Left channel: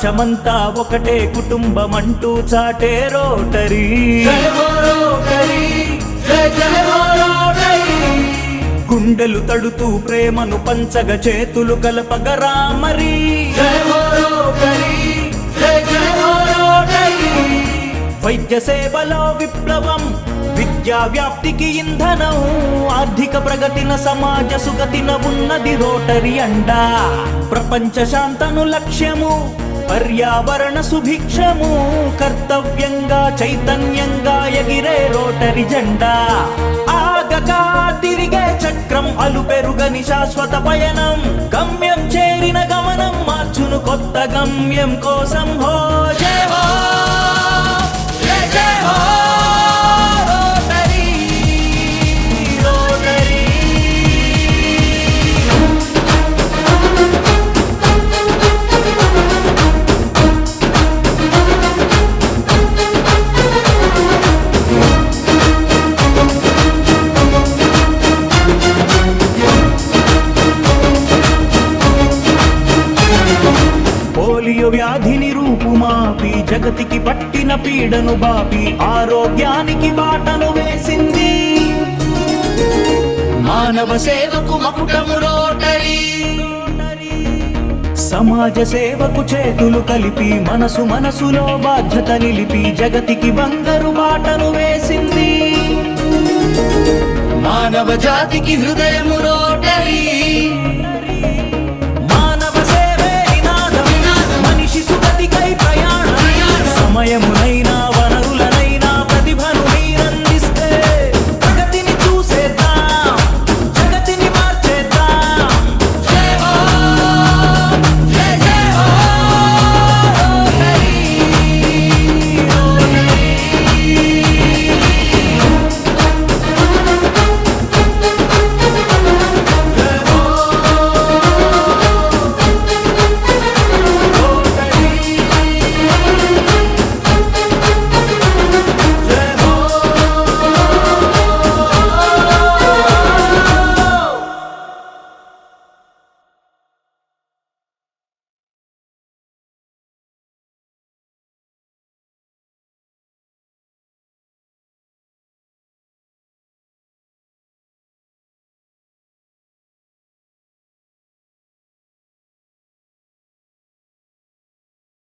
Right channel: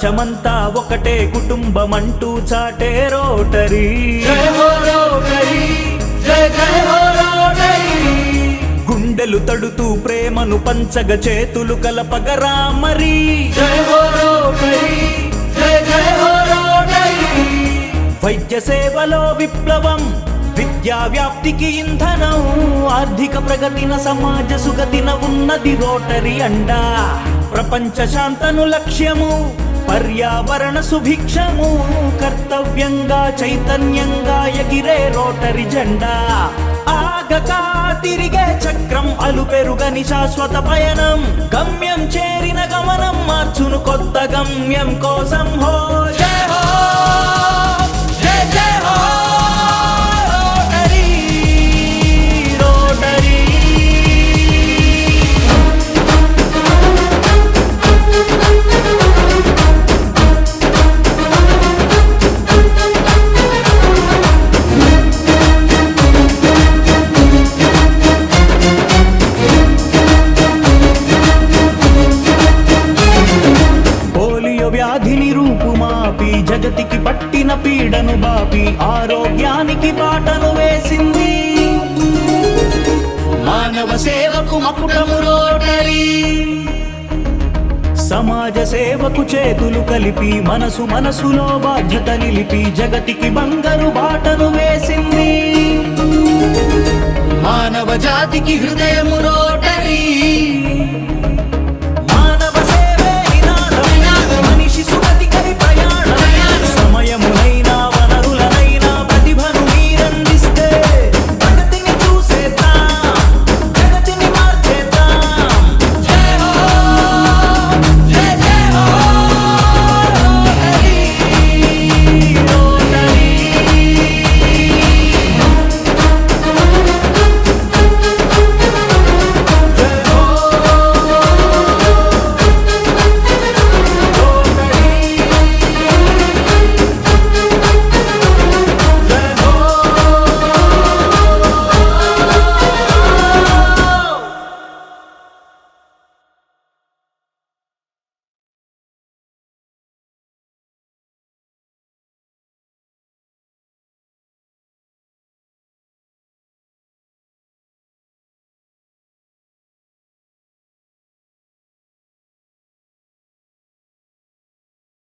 ప్రపంచమంతా ఒకటే కుటుంబమంటూ చాటే రోటరీ. గుండెలు తడుతూ ప్రేమను పంచగ చేతులు కలపగరా మరి. వైద్య సేవలో విప్లవం, విద్యా వ్యాప్తికి ఇంధనం, ఆర్థిక ప్రగతిన సమాజ సుగతిన ఉన్నది రోటరీ అండా. ప్రపంచ శాంతను లక్ష్యము, పర్యావరణ సుభిక్షము, కర్తవ్యంగా చైతన్యంగా ఎగిరే రోటరీ జెండా. ఆగగా తిరిగే చక్రం, అలుపెరుగని శాశ్వత పయనం, గమ్యం చేరిన గమనం మార్చును కొత్త గమ్యం కోసం. హో జయ హో, జయ జయ హో రోటరీ, రోటరీ. పోలియో వ్యాధిని రూపుమాపి, జగతికి పట్టిన పీడను బాపి, ఆరోగ్యానికి బాటను వేసింది. మానవ సేవకు మకుటము రోటరీ. సమాజ సేవకు చేతులు కలిపి, మనసు మనసులో బాధ్యత నిలిపి, జగతికి బంగారు బాటను వేసింది. మానవ జాతికి హృదయము